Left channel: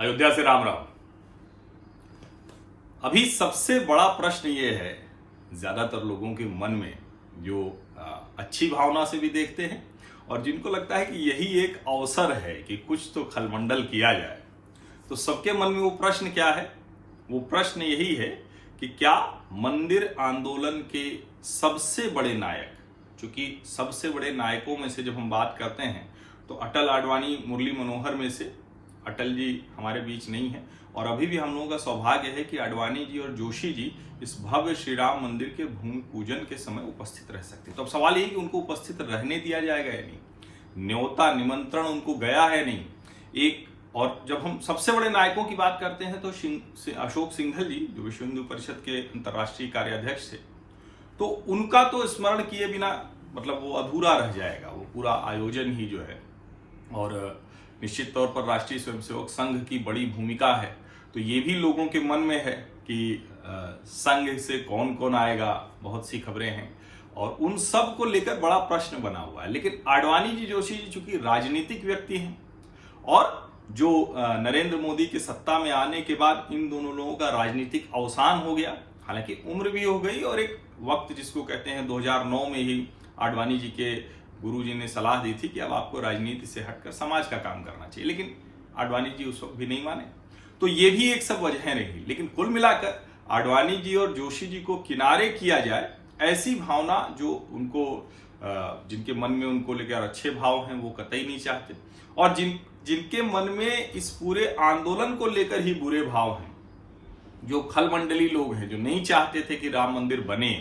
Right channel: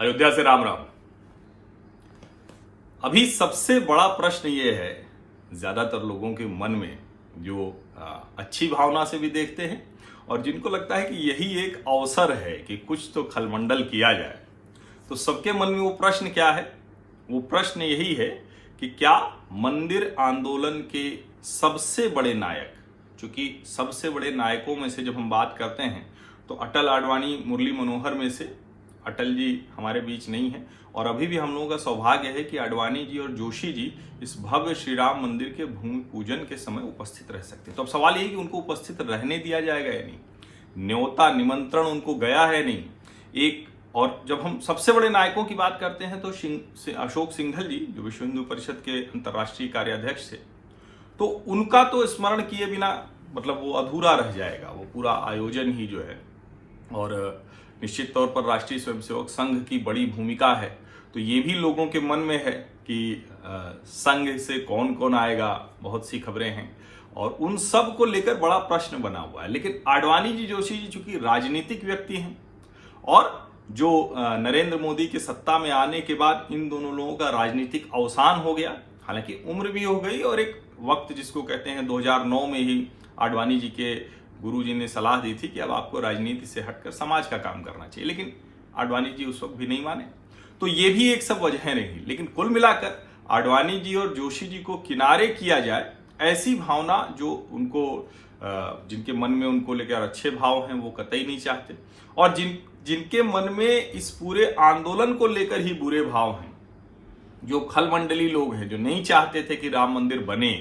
अयोध्या से राम राम। अभी सबसे बड़ा प्रश्न ये है ज्यादातर लोगों के मन में, जो अच्छी भावना से भी देखते हैं और जिनको लगता है कि यही एक अवसर है कि कुछ तो खलमंडल किया जाए। तो सबके मन में वो प्रश्न क्या है? वो प्रश्न यही है कि क्या मंदिर आंदोलन के सबसे बड़े नायक, चूंकि सबसे बड़े नायकों में से जब हम बात करते हैं तो अटल, आडवाणी, मुरली मनोहर में से अटल जी हमारे बीच नहीं है और अभी भी हम लोगों का सौभाग्य है कि आडवाणी जी और जोशी जी इस भव्य श्री राम मंदिर के भूमि पूजन के समय उपस्थित रह सकते। तो अब सवाल ये है कि उनको उपस्थित रहने दिया जाएगा या नहीं, न्योता निमंत्रण उनको गया है नहीं एक। और जब हम सबसे बड़े नायकों की बात करते हैं तो अशोक सिंघल जी, जो विश्व हिंदू परिषद के अंतर्राष्ट्रीय कार्याध्यक्ष थे, तो उनका तो स्मरण किए बिना मतलब वो अधूरा रह जाएगा वो पूरा आयोजन ही जो है। और निश्चित तौर पर राष्ट्रीय स्वयंसेवक संघ की बड़ी भूमिका है, तो ये भी लोगों के मन में है कि संघ से कौन कौन आएगा। बहुत सी खबरें हैं और उन सब को लेकर बड़ा प्रश्न बना हुआ है। लेकिन आडवाणी जी, जोशी जी चूंकि राजनीतिक व्यक्ति हैं और जो नरेंद्र मोदी के सत्ता में आने के बाद इन दोनों लोगों का राजनीतिक अवसान हो गया, हालांकि उम्र भी हो गई और एक वक्त जिसको कहते हैं 2009 में ही आडवाणी जी के गुरुजी ने सलाह दी थी कि अब आपको राजनीति से हटकर समाज का काम करना चाहिए, लेकिन आडवाणी जी उस वक्त भी नहीं माने। तो ये भी एक सब वजह रही। लेकिन कुल मिलाकर आडवाणी जी और जोशी जी को किनारे किया जाए, ऐसी भावना जो उनको जिनके मन में उनको लेकर अच्छे भाव हैं वो कतई नहीं चाहते, और जिनके मन में इस पूरे आंदोलन को लेकर ही बुरे भाव हैं, जो खलमंडली लोग हैं, जो नहीं चाहते थे कि राम मंदिर बने,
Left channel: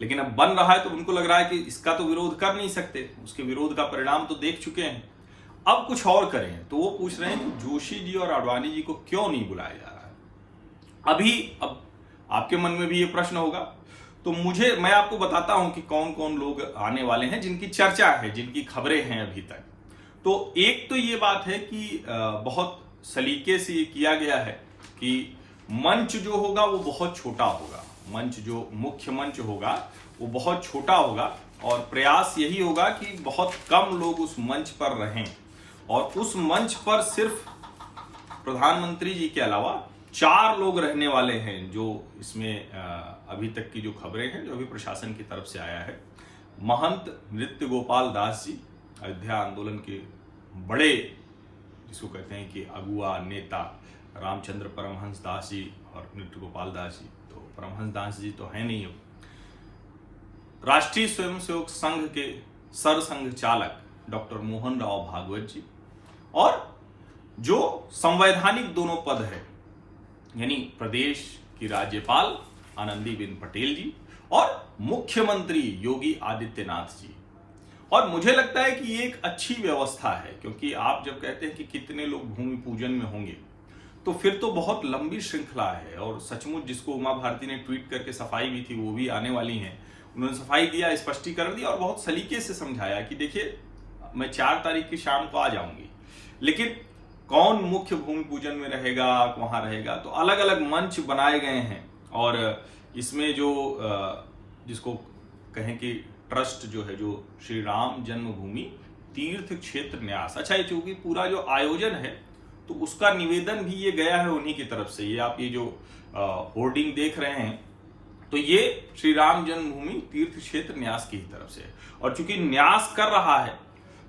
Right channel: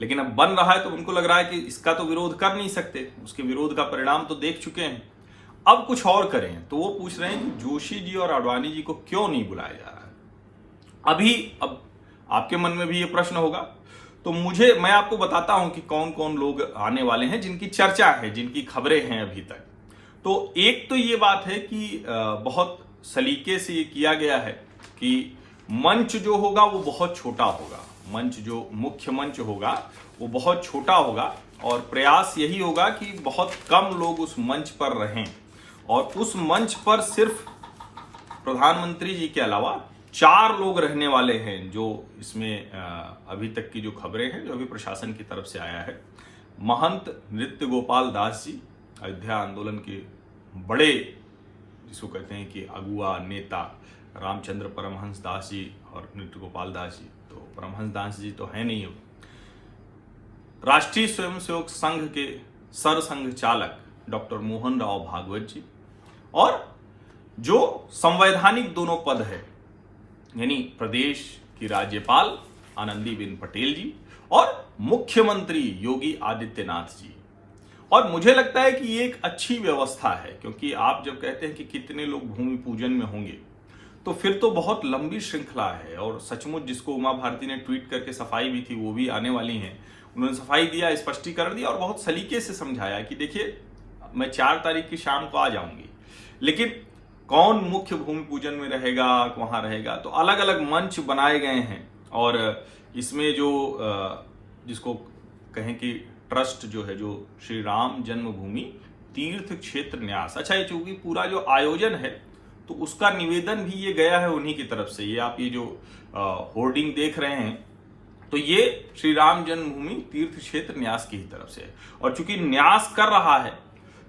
लेकिन अब बन रहा है तो उनको लग रहा है कि इसका तो विरोध कर नहीं सकते, उसके विरोध का परिणाम तो देख चुके हैं, अब कुछ और करें। तो वो पूछ रहे हैं कि जोशी जी और आडवाणी जी को क्यों नहीं बुलाया जा रहा है। अब आपके मन में भी ये प्रश्न होगा, तो मैं आपको बताता हूं कि कौन कौन लोग आने वाले हैं, जिनकी चर्चा है, जिनकी खबरें हैं अभी तक। तो एक तो ये बात है कि बहुत सलीके से ये किया गया है कि मंच जो होगा वो बहुत छोटा होगा, मंच जो मुख्य मंच होगा वो बहुत छोटा होगा और प्रयास यही होगा कि बहुत कम लोग उस मंच पर रहें और उस मंच पर सिर्फ प्रधानमंत्री जी के अलावा 4 लोग रहने वाले हैं, जो इसमें अभी तक की जो खबरें हैं, जो अभी प्रशासन की तरफ से आया है। महंत नृत्य गोपाल दास जी, अयोध्या आंदोलन के बड़े जिसको कहते हैं कि अगुआ नेता रामचंद्र परमहंस दास जी और नृत्य गोपाल दास जी, तो परमहंस दास जी तो है नहीं हो। राष्ट्रीय स्वयंसेवक संघ के सरसंघ चालक डॉक्टर मोहन राव भागवत जी, और जो संवैधानिक दोनों पद है, यानी प्रदेश की राज्यपाल आनंदीबेन पटेल जी और मुख्यमंत्री योगी आदित्यनाथ जी। और मुझे लगता है कि ये एक अच्छी व्यवस्था है, क्योंकि आप जब कहते हैं कि कितने लोग भूमि पूजन में होंगे तो फिर तो बहुत लंबी श्रृंखला है। और सचमुच जिसको उमा भारती ने ट्वीट करके सफाई भी थी, वो भी आने वाली हैं, उन्होंने सफाई दिया, स्पष्टीकरण दिया और बहुत सलीके से समझाया कि देखिए मैं 4 तारीख की शाम को आ जाऊंगी, लेकिन कौन मुख्य भूमि पूजन में रहेगा, वहां रहेगा, तो अलग अलग मंच बनाए गए हैं। और इसमें जो जिसको कहें कि ट्रस्ट जो है, जो श्री राम जन्मभूमि तीर्थ क्षेत्र न्यास, अच्छा ये चूंकि पूरा जो आयोजन है तो उसका निवेदन भी ये गया है उन्हीं की तरफ से। ये आप ये जो होर्डिंग देख रहे हैं, तो ये श्री राम जन्मभूमि तीर्थ क्षेत्र न्यास की ही तरफ से है। और चूंकि न्यास कर रहा है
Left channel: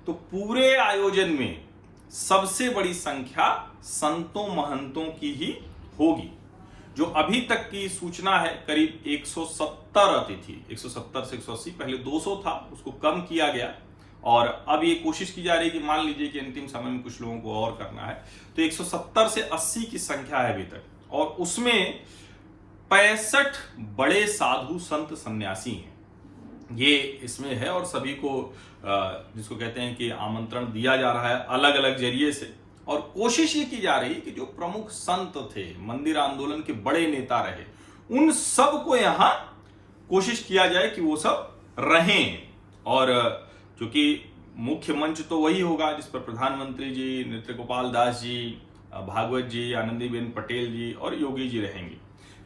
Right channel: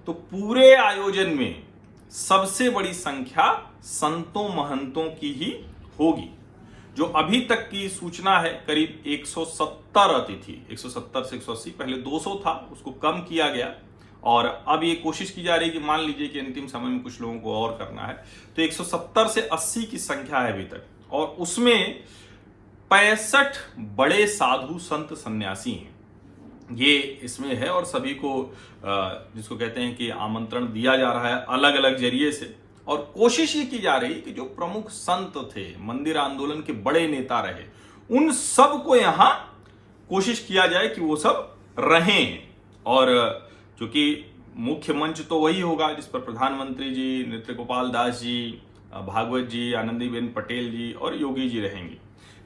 तो पूरे आयोजन में सबसे बड़ी संख्या संतों महंतों की ही होगी। जो अभी तक की सूचना है करीब 170 अतिथि, 170 से 180, पहले 200 था, उसको कम किया गया और अब ये कोशिश की जा रही है कि मान लीजिए कि अंतिम समय में कुछ लोगों को और करना है, तो 170 से 80 की संख्या है अभी तक, और उसमें 65 बड़े साधु संत सन्यासी हैं, ये इसमें है। और सभी को जिसको कहते हैं कि आमंत्रण दिया जा रहा है अलग अलग जरिए से, और कोशिश ये की जा रही है कि जो प्रमुख संत थे, मंदिर आंदोलन के बड़े नेता रहे, उन सब को यहां कोशिश किया जाए कि वो सब रहें। और क्योंकि मुख्य मंच तो वही होगा जिस पर प्रधानमंत्री जी, नृत्य गोपाल दास जी, भागवत जी, आनंदीबेन पटेल जी और योगी जी रहेंगे,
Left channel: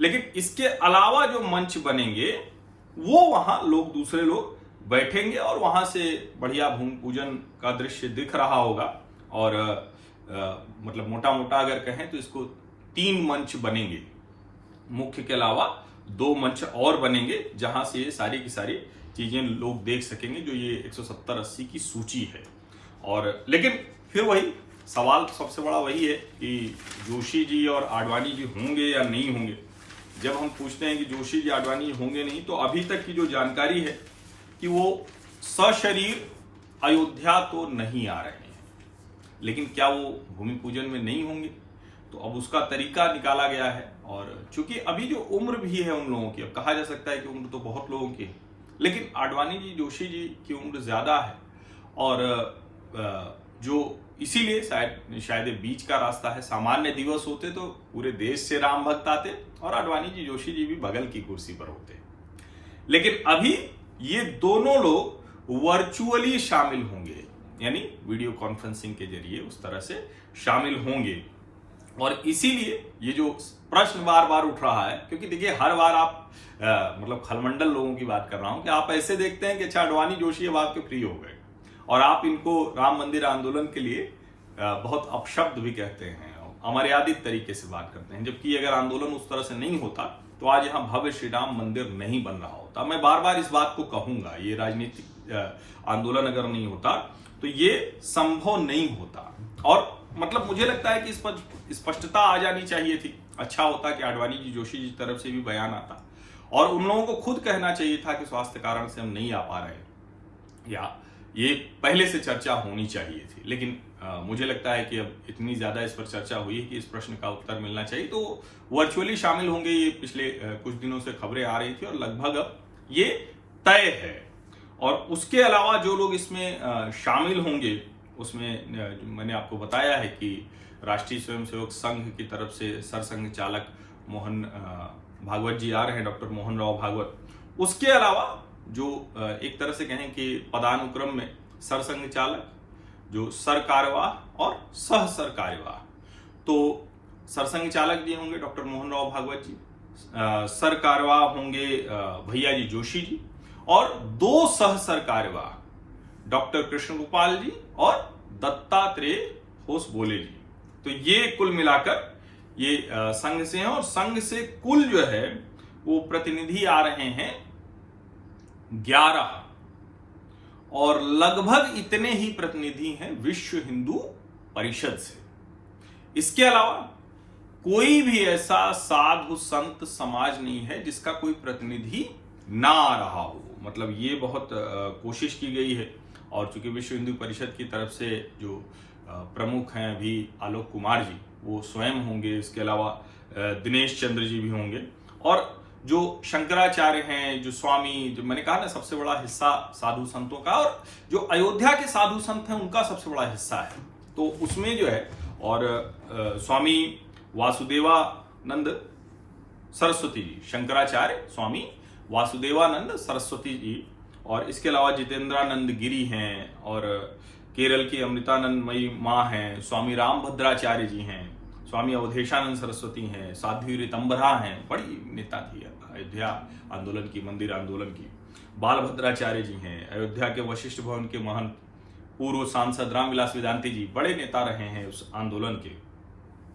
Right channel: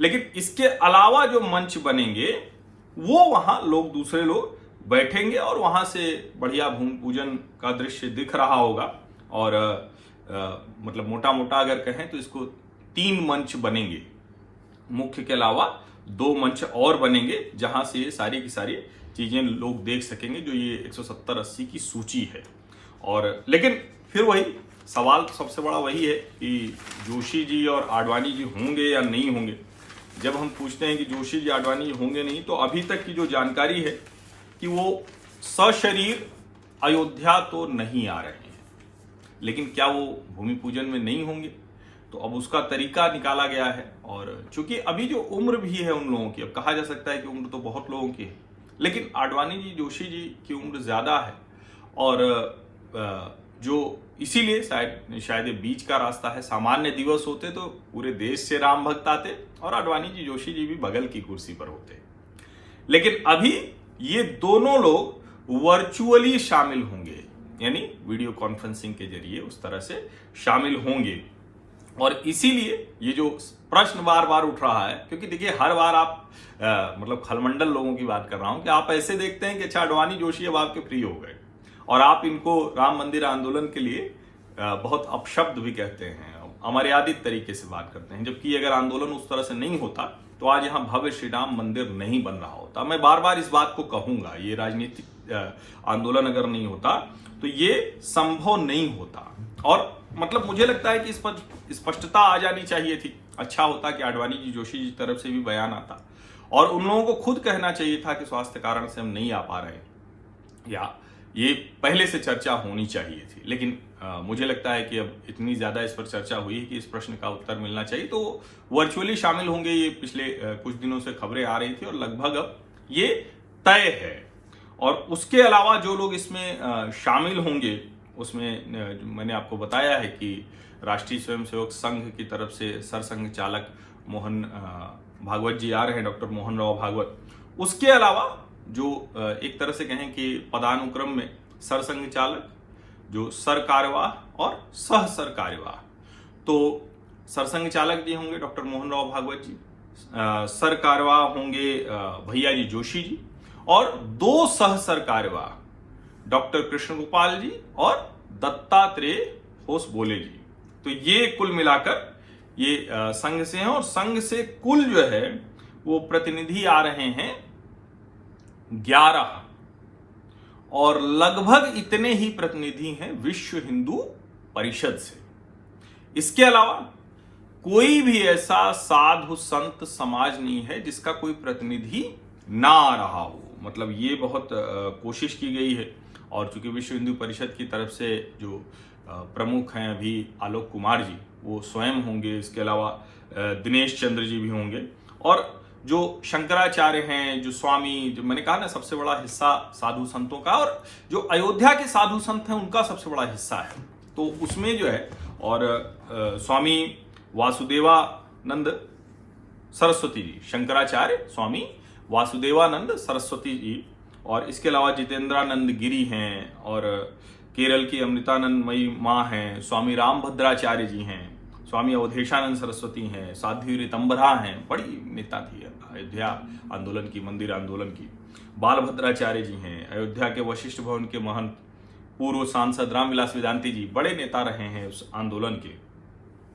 लेकिन इसके अलावा जो मंच बनेंगे वो वहां लोग, दूसरे लोग बैठेंगे और वहां से बढ़िया भूमि पूजन का दृश्य दिख रहा होगा। और मतलब मोटा मोटा अगर कहें तो इसको 3 मंच बनेंगे, मुख्य के अलावा 2 मंच और बनेंगे, जहां से सारी की सारी चीजें लोग देख सकेंगे, जो ये 170-80 की सूची है। और लेकिन फिर वही सवाल सबसे बड़ा वही है कि जोशी जी और आडवाणी जी होंगे या नहीं होंगे। जब हम पूछते हैं कि जोशी जी आडवाणी जी होंगे नहीं, तो अभी तक की जो जानकारी है कि वो सशरीर अयोध्या तो नहीं आ रहे हैं, लेकिन क्या वो भूमि पूजन में नहीं होंगे, तो अब उसका तरीका निकाला गया है। और चूंकि अभी जो उम्र भी है उन लोगों की, अब कहा जा सकता है कि उम्र तो बहुत लोगों की है, लेकिन आडवाणी जी जोशी जी की उम्र ज्यादा है, और जो इसीलिए शायद ये बीच का रास्ता है। सामान्य दिवस होते तो पूरे देश से राम भक्त आते और आडवाणी जी जोशी जी भी बगल की कुर्सी पर होते, लेकिन अभी ये दोनों लोग वर्चुअली शामिल होंगे, यानी वीडियो कॉन्फ्रेंसिंग के जरिए उस तरह से शामिल होंगे। और इसीलिए ये जो प्रश्न बार बार उठ रहा है, क्योंकि देखिए हर बार आप मतलब खलमंडल लोगों की बात कर रहा हूं कि आप ऐसे देखते हैं कि अच्छा आडवाणी जोशी अब आपके प्रिय हो गए, और आप इनको राम मंदिर आंदोलन के लिए बहुत अपशब्द भी कहते हैं, अमर्यादित तरीके से बात करते हैं, जबकि अगर आंदोलन उस तरह से नहीं होता तो आज यहां भव्य श्री राम मंदिर नहीं बन रहा होता। मैं बार बार इस बात को कहूंगा, ये राजनीतिक आंदोलन अगर नहीं होता तो ये संभव नहीं होता। और मतलब मुझे लगता है कि इस पर स्पष्टता आ जानी चाहिए थी। अच्छा होता कि आडवाणी जी जोशी जी तरफ से भी बयान आता, और उन लोगों को खुद कहना चाहिए था कि स्वास्थ्य कारण से हम नहीं आ पा रहे हैं, या ये पहले से चर्चा होनी चाहिए थी। लेकिन मुझे लगता है कि अब इतनी ज्यादा इस पर चर्चा हुई है कि इस प्रश्न का उत्तर मिलना चाहिए, तो वर्चुअली शामिल होंगे। ये पिछले कुछ दिनों से खबरें आ रही थी और लगभग अब ये तय है। और उसके अलावा जो लोग इसमें शामिल होंगे, उसमें मैंने आपको बताया है कि राष्ट्रीय स्वयंसेवक संघ की तरफ से सरसंघ चालक मोहन भागवत जी आ रहे हैं, डॉक्टर मोहन राव भागवत। उसके अलावा जो एक तरह से कहें कि पदानुक्रम में सरसंघ चालक, जो सर कार्यवाह और सह सर कार्यवाह, तो सरसंघ चालक जी होंगे डॉक्टर मोहन राव भागवत जी, सर कार्यवाह होंगे भैया जी जोशी जी, और 2 सह सर कार्यवाह डॉक्टर कृष्ण गोपाल जी और दत्तात्रेय होसबोले जी। तो ये कुल मिलाकर ये संघ से हैं, और संघ से कुल जो है वो प्रतिनिधि आ रहे हैं 11, और लगभग इतने ही प्रतिनिधि हैं विश्व हिंदू परिषद से। इसके अलावा कोई भी ऐसा साधु संत समाज नहीं है जिसका कोई प्रतिनिधि ना आ रहा हो। मतलब ये बहुत कोशिश की गई है, और चूंकि विश्व हिंदू परिषद की तरफ से जो प्रमुख हैं अभी आलोक कुमार जी, वो स्वयं होंगे। इसके अलावा दिनेश चंद्र जी भी होंगे, और जो शंकराचार्य हैं, जो स्वामी, जो मैंने कहा ना सबसे बड़ा हिस्सा साधु संतों का, और जो अयोध्या के साधु संत हैं उनका सबसे बड़ा हिस्सा है, तो उसमें जो है, और स्वामी वासुदेवानंद सरस्वती जी, शंकराचार्य स्वामी वासुदेवानंद सरस्वती जी, और इसके अलावा जितेंद्रानंद गिरी हैं, और केरल की अमृतानंदमयी माँ हैं, स्वामी रामभद्राचार्य जी हैं, स्वामी अवधेशानंद सरस्वती हैं, साध्वी ऋतंबरा हैं, बड़ी नेता थी अयोध्या आंदोलन की, मंदिर आंदोलन की। बालभद्राचार्य जी हैं, अयोध्या के वशिष्ठ भवन के महंत, पूर्व सांसद रामविलास वेदांती जी बड़े नेता रहे हैं उस आंदोलन के,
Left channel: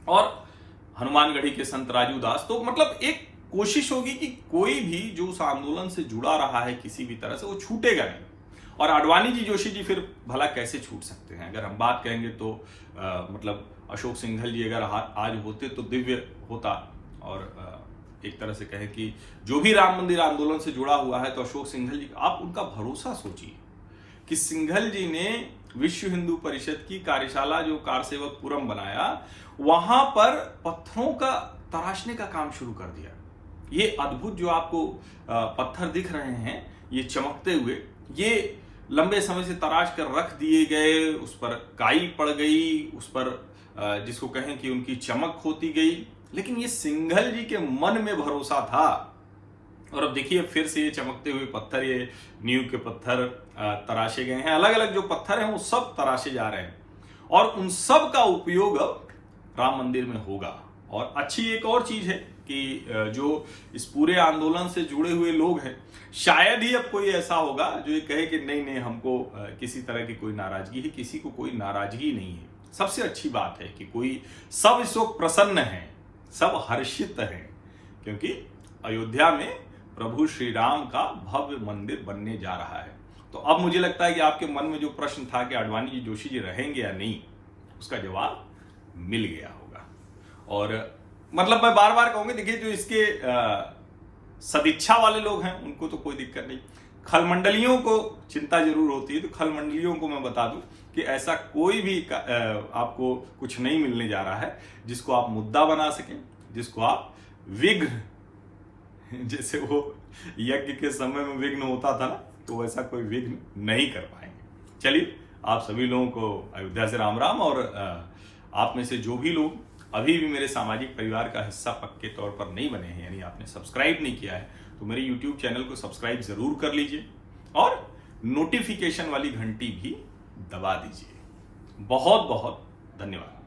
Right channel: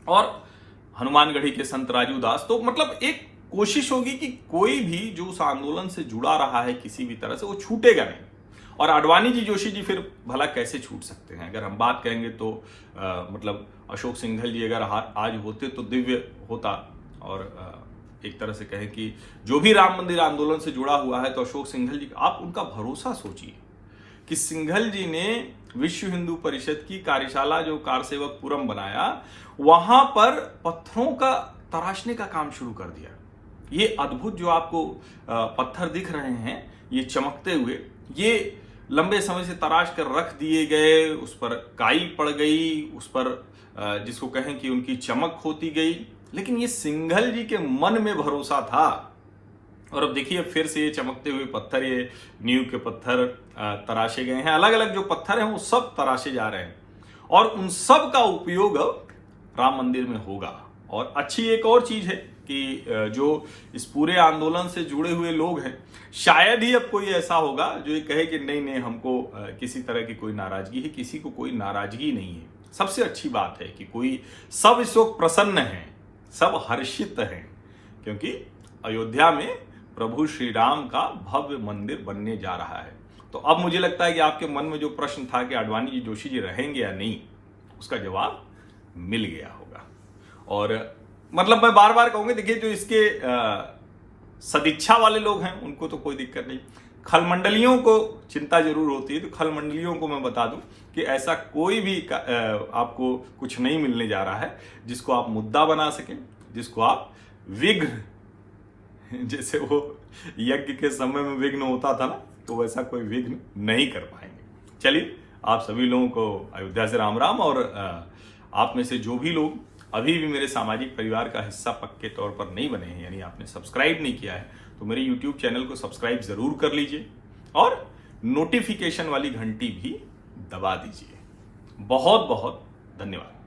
और हनुमानगढ़ी के संत राजू दास। तो मतलब एक कोशिश होगी कि कोई भी जो उस आंदोलन से जुड़ा रहा है किसी भी तरह से, वो छूटेगा नहीं। और आडवाणी जी जोशी जी फिर भला कैसे छूट सकते हैं? अगर हम बात करेंगे तो मतलब अशोक सिंघल जी अगर आज होते तो दिव्य होता, और एक तरह से कहें कि जो भी राम मंदिर आंदोलन से जुड़ा हुआ है, तो अशोक सिंघल जी, आप उनका भरोसा सोचिए कि सिंघल जी ने विश्व हिंदू परिषद की कार्यशाला जो कारसेवकपुरम बनाया, वहां पर पत्थरों का तराशने का काम शुरू कर दिया। ये अद्भुत जो आपको पत्थर दिख रहे हैं, ये चमकते हुए, ये लंबे समय से तराश कर रख दिए गए, उस पर काई पड़ गई, उस पर जिसको कहें कि उनकी चमक होती गई, लेकिन ये सिंघल जी के मन में भरोसा था। और अब देखिए फिर से ये चमकते हुए पत्थर, ये नींव के पत्थर तराशे गए हैं, अलग अलग जो पत्थर हैं वो सब तराशे जा रहे हैं, और उन सब का उपयोग अब राम मंदिर में होगा। और अच्छी एक और चीज है कि जो इस पूरे आंदोलन से जुड़े हुए लोग हैं, शायद ही अब कोई ऐसा होगा जो ये कहे कि नहीं नहीं, हमको किसी तरह की कोई नाराजगी है। किसी को कोई नाराजगी नहीं है। सबसे अच्छी बात है कि कोई सब इस वक्त प्रसन्न हैं, सब हर्षित हैं, क्योंकि अयोध्या में प्रभु श्री राम का भव्य मंदिर बनने जा रहा है। तो अब मुझे लगता है कि आपके मन में जो प्रश्न था कि आडवाणी जी, जोशी जी रहेंगे या नहीं, उसका जवाब मिल गया होगा। और मतलब मैं बार बार कहूंगा, देखिए जो इसके सदिच्छा वाले लोग हैं उनको तो कोई दिक्कत नहीं, खलमंडलियों को चिंता जरूर होती है। तो खलमंडलियों को मैं बता दूं कि ऐसा कोई भी आपको कुछ नहीं मिलने जा रहा है जिसको आप मुद्दा बना सकें, जिसको आप विघ्न, जैसे वो यज्ञ के समय में विघ्न होता था ना, तो वैसा कोई विघ्न नहीं कर पाएंगे। चलिए, आप सभी लोगों को अयोध्या से राम राम। और आप में से जो भी लोग अभी भी मेरे सामाजिक परिवार का हिस्सा पक्के तौर पर नहीं बने हैं, यानी आपने सब्सक्राइब नहीं किया है, तो मेरे YouTube चैनल को सब्सक्राइब जरूर कर लीजिए और नोटिफिकेशन वाली घंटी भी दबा दीजिए। बहुत बहुत धन्यवाद।